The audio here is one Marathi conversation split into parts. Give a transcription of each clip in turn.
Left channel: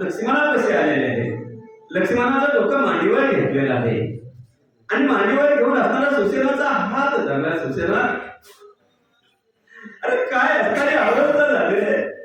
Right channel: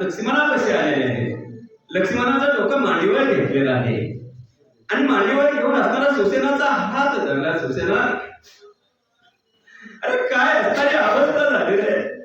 लक्ष्मणाला कसे आलेले आहे लक्ष्मणाचा डोका मांडीवर घेतलेला आहे. आणि मांडीवर घेऊन असताना सुसेनाचा हात धरला. सुसेना अरे काय अवस्था झालेली आहे?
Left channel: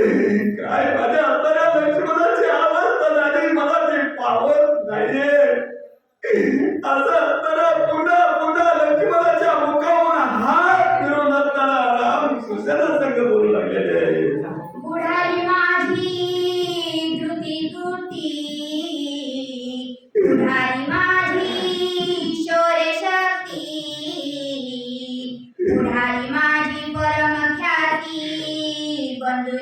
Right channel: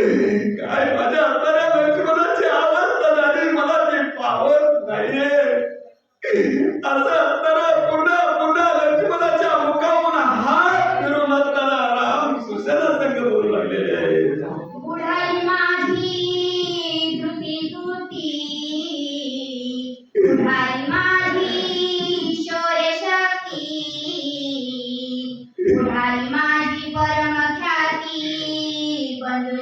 Ay, vaya.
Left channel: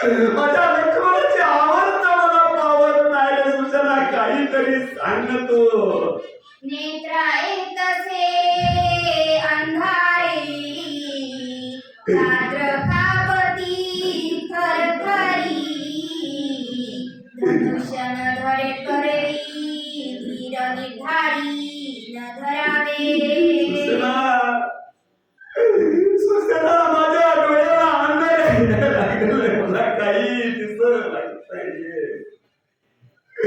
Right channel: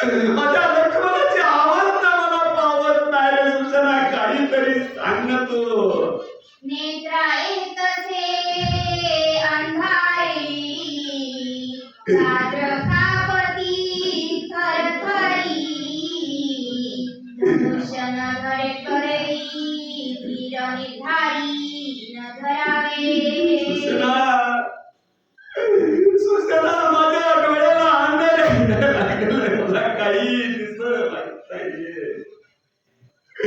I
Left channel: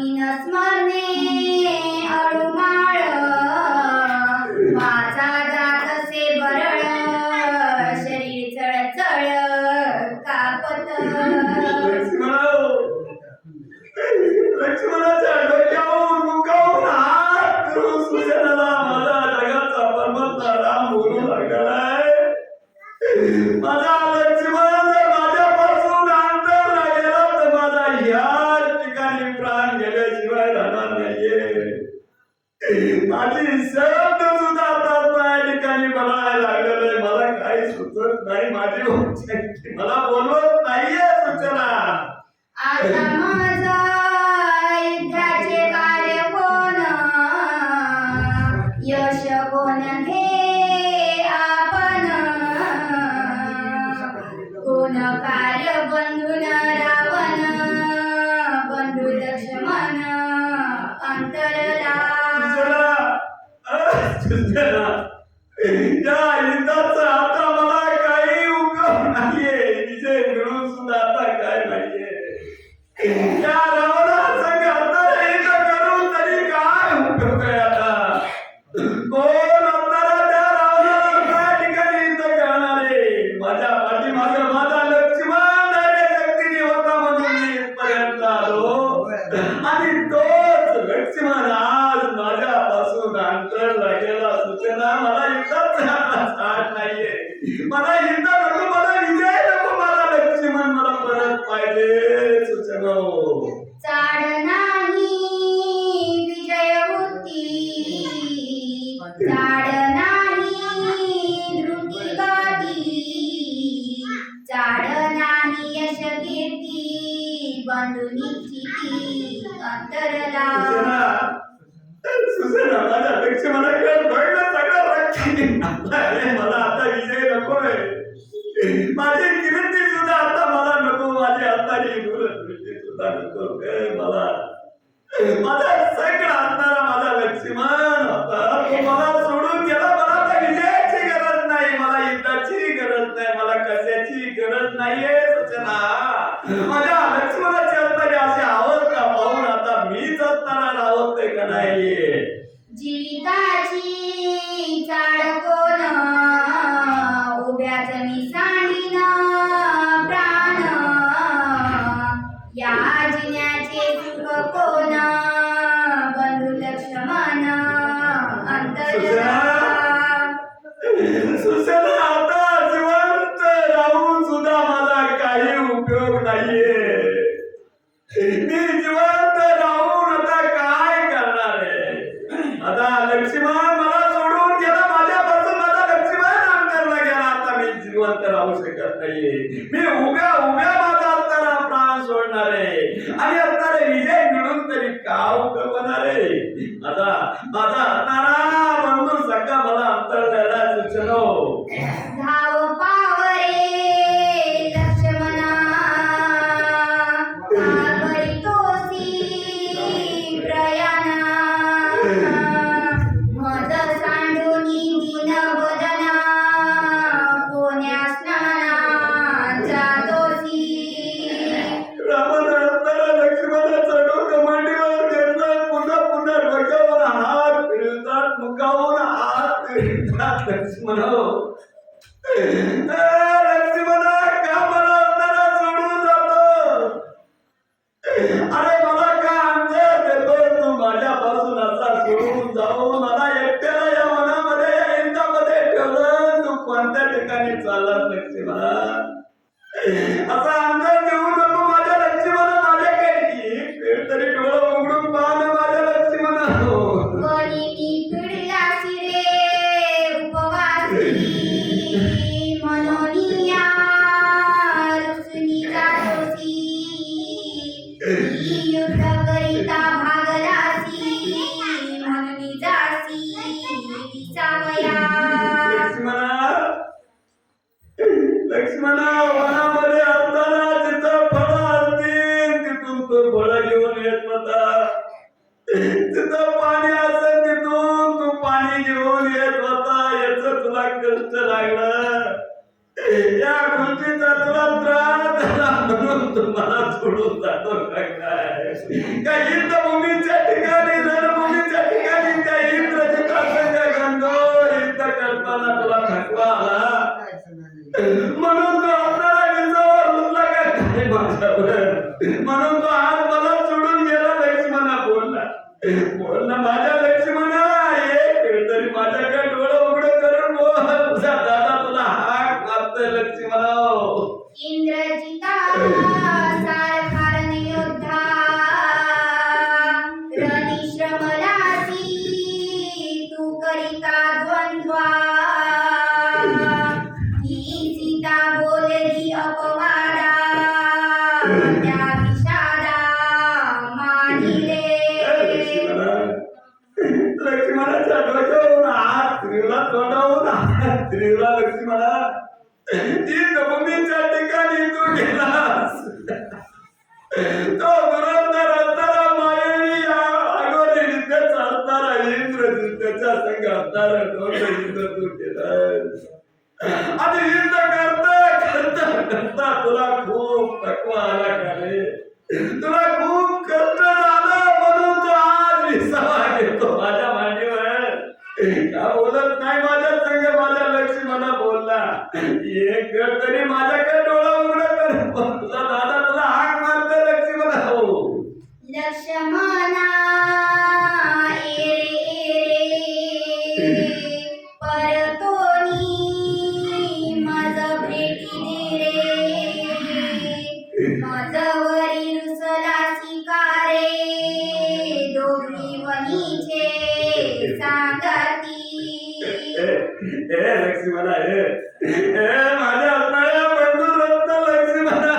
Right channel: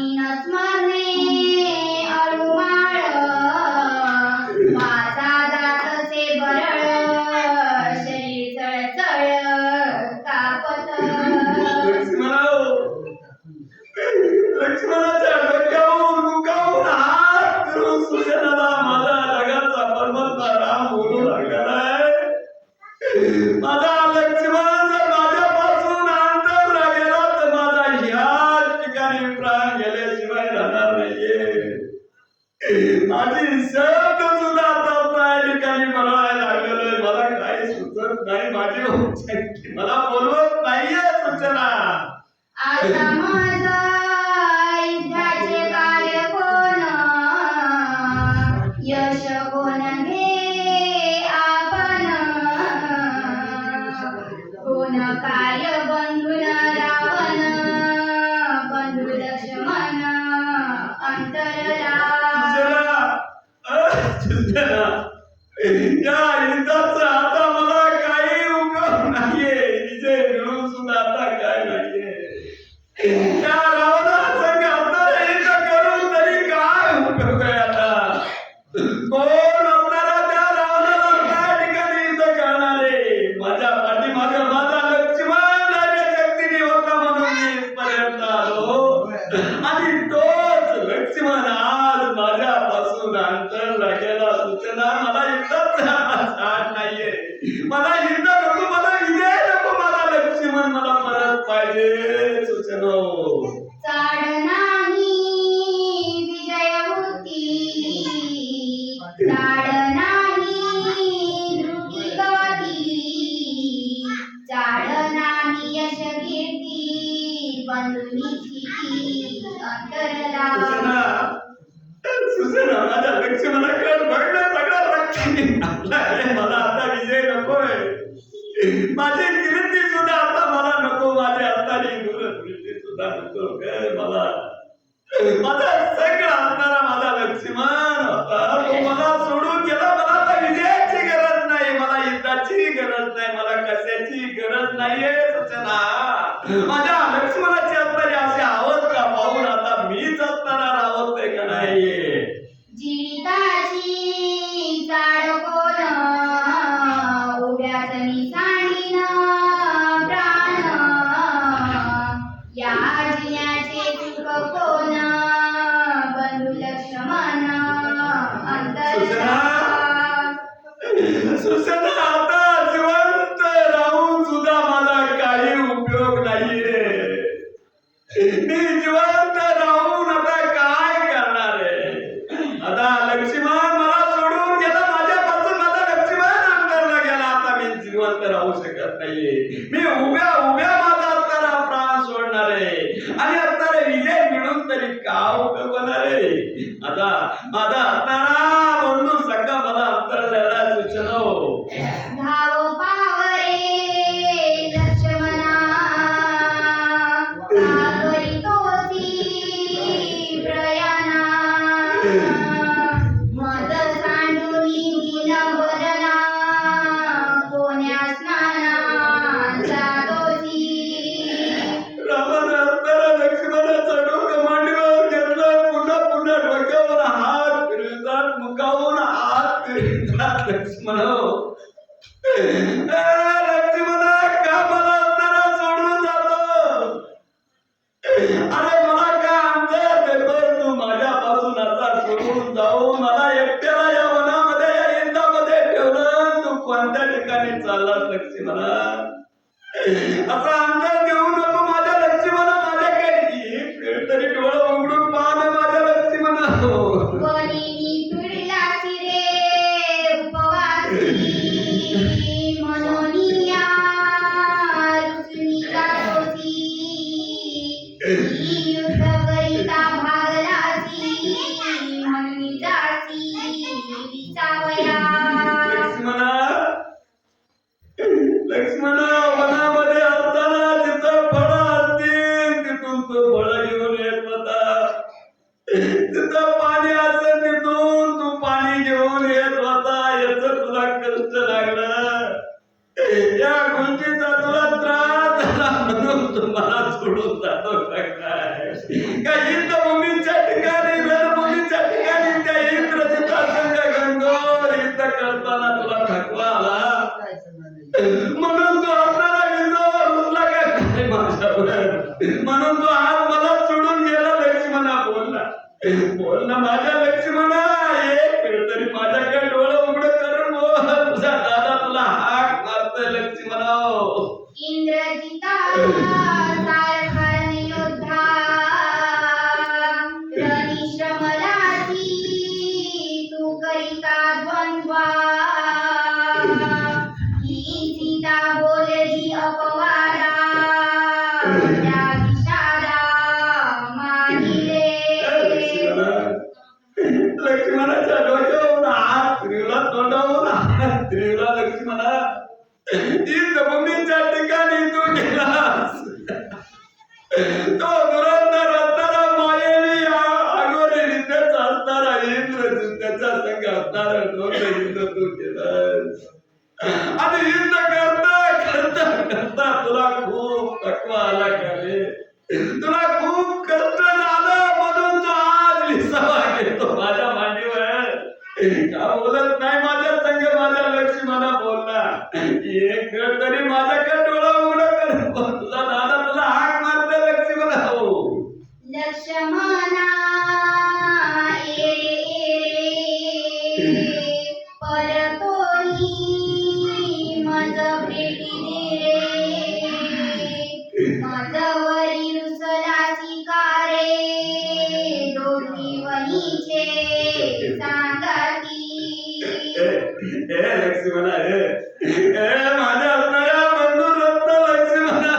in a small नाही माझी मला बोलवत नाहीये सूचना माझ्या अध्यक्ष मला कळ भरलं सगळं वाटते मला आता विजय नकोय. माझे किरती सुद्धा आता मला नको. माझे आता निवृत्ती सुद्धा नको. मला. माझा असताना राहत नाही? जिवंत राहू शकत नाहीये. मी उभ्या उभ्या माझा असताना प्राण सोडणार आहे आणि असणारे विजय मिळून तरी का उपयोग होणार आहे आता माझा असताना म्हणून सगळा मला अंतर सूचनो You. ఇంకా ఇంత పంపించండి కానీ పంపించండి కానీ ఇంకా ఇంద్ర చిత్తార్థంగా ఇంత కడతాను लक्ष्मी म्हणा माझ्या असणाऱ्या बंधू रत्न लक्ष्मी म्हणा.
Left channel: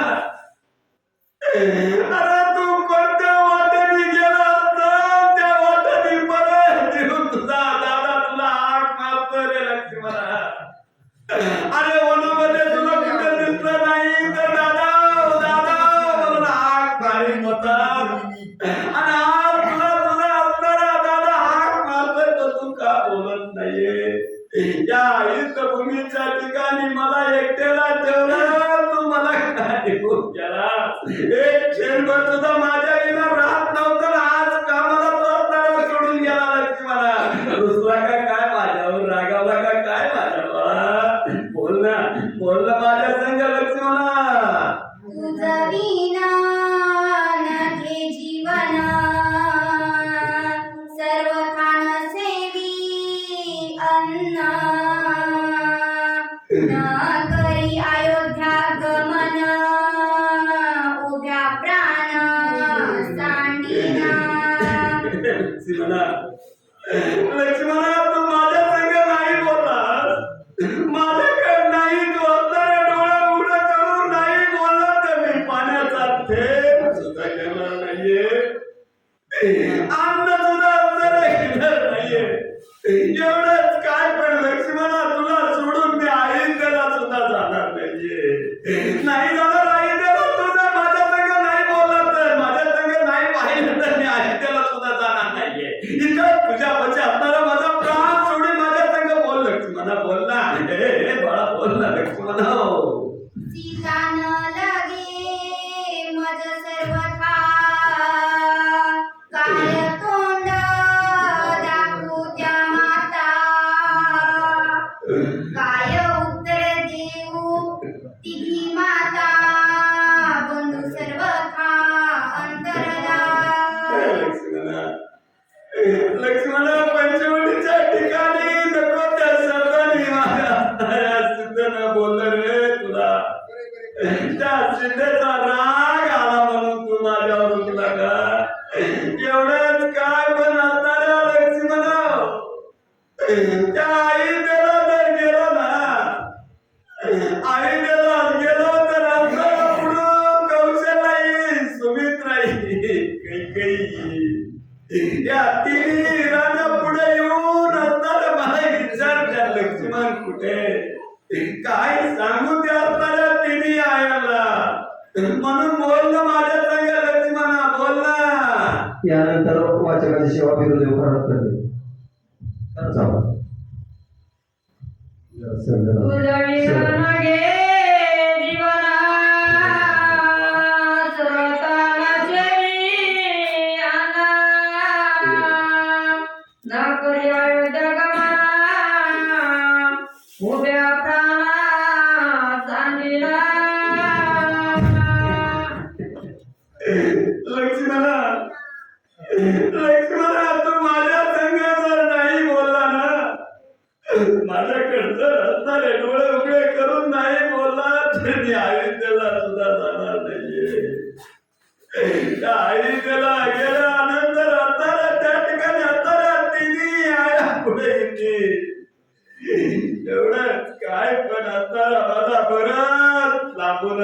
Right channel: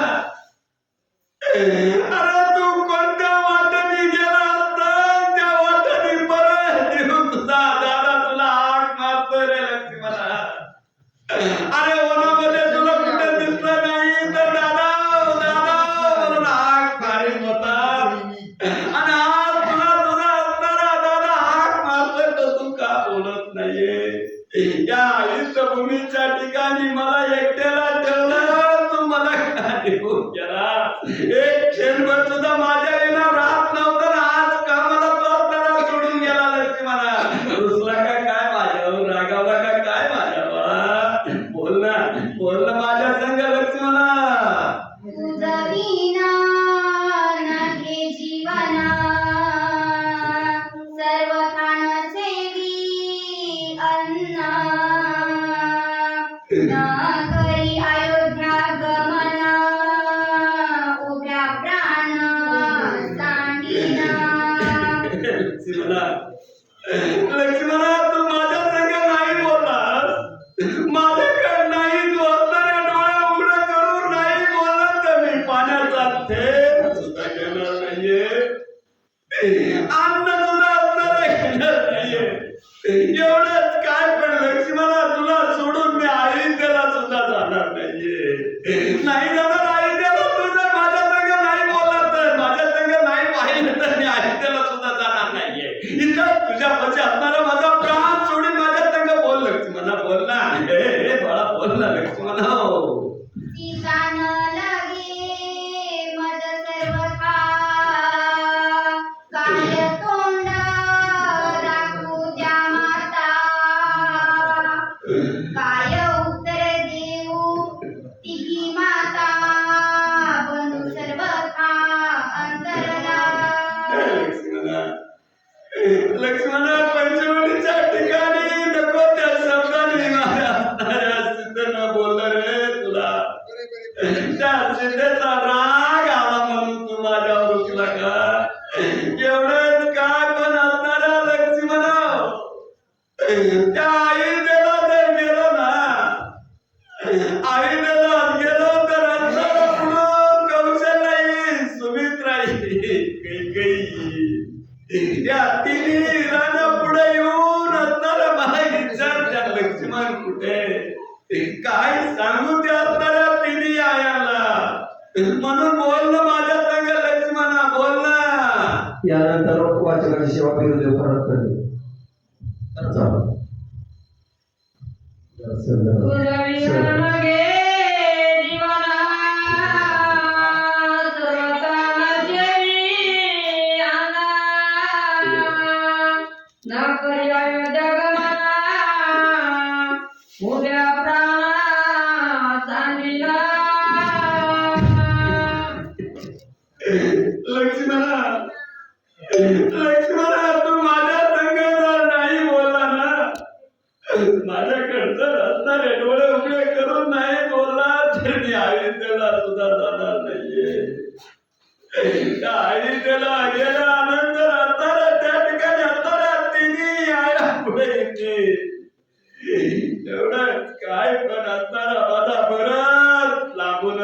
एवढं काय पण असणार दादा परत लांबून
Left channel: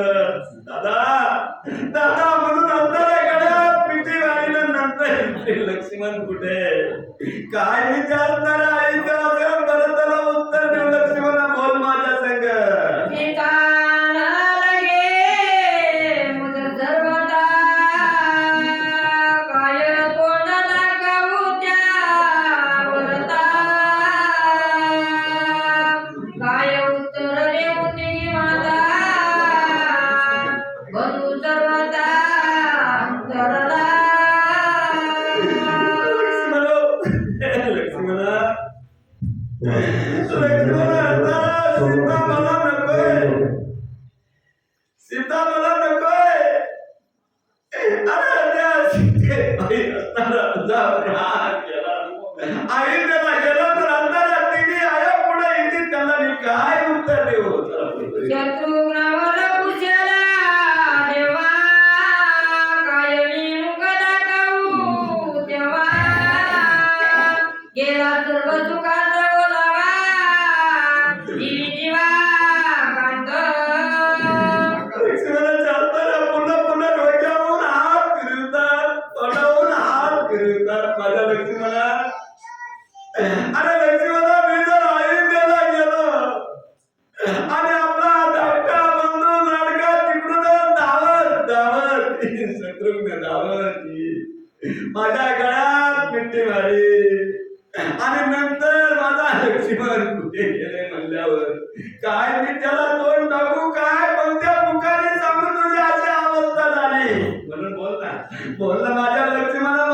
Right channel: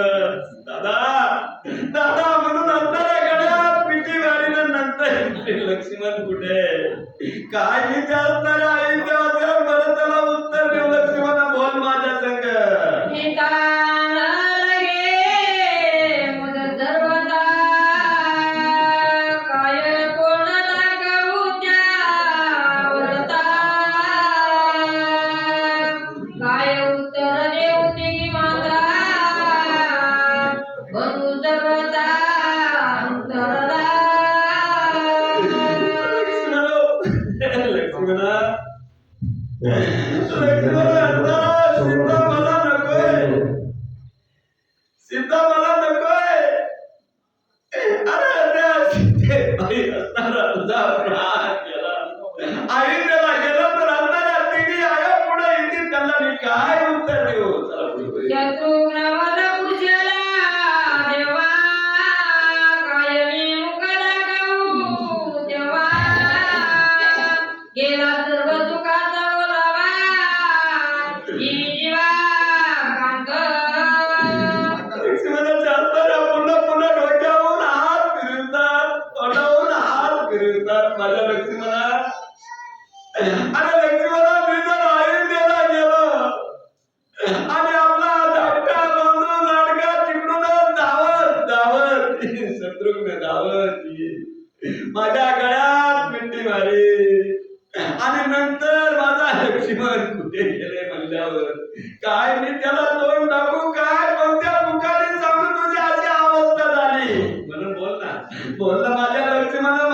दादा दादा म्हणून असणाऱ्या गड्यात पिठी मारीनं नंतर लक्ष्मण कुठे? काय काही असणार Иди Дивидива. bolda. Bolda, la última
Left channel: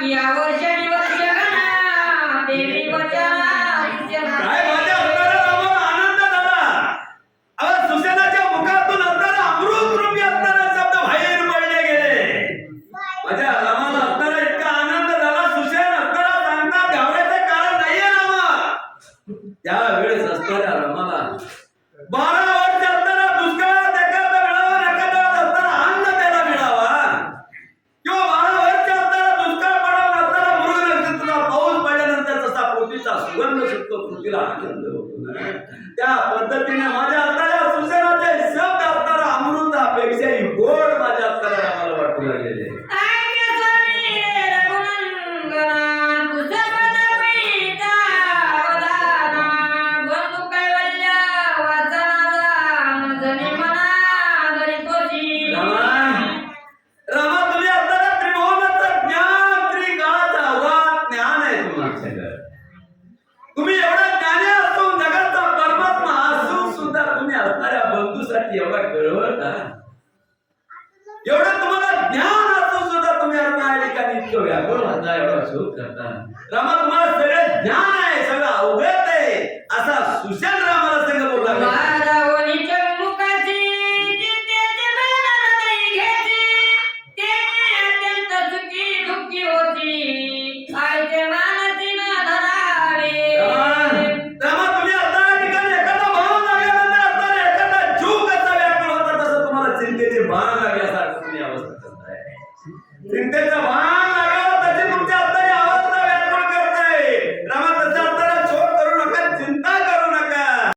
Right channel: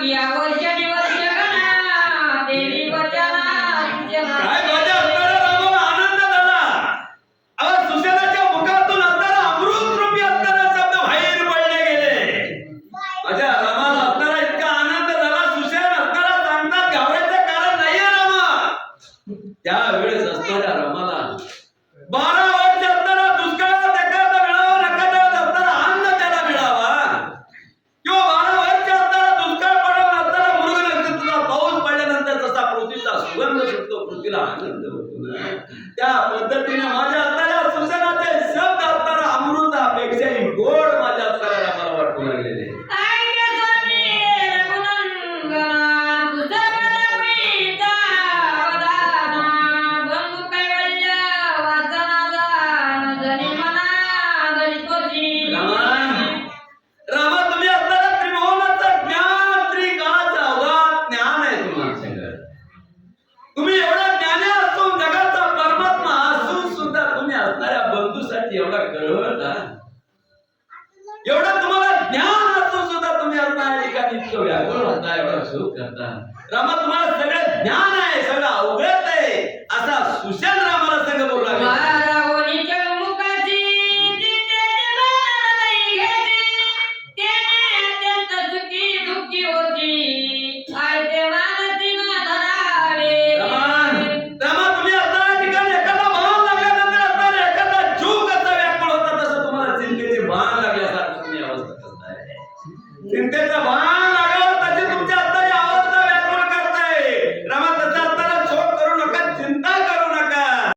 নিয়া বৈশা নিবাসী व्याकुळ होता एवढा शोध करता रामा तुम्हाला सगळं ज्ञान आहे सगळं अवगत आहे. असा सुशांत रामाला संघ बोलला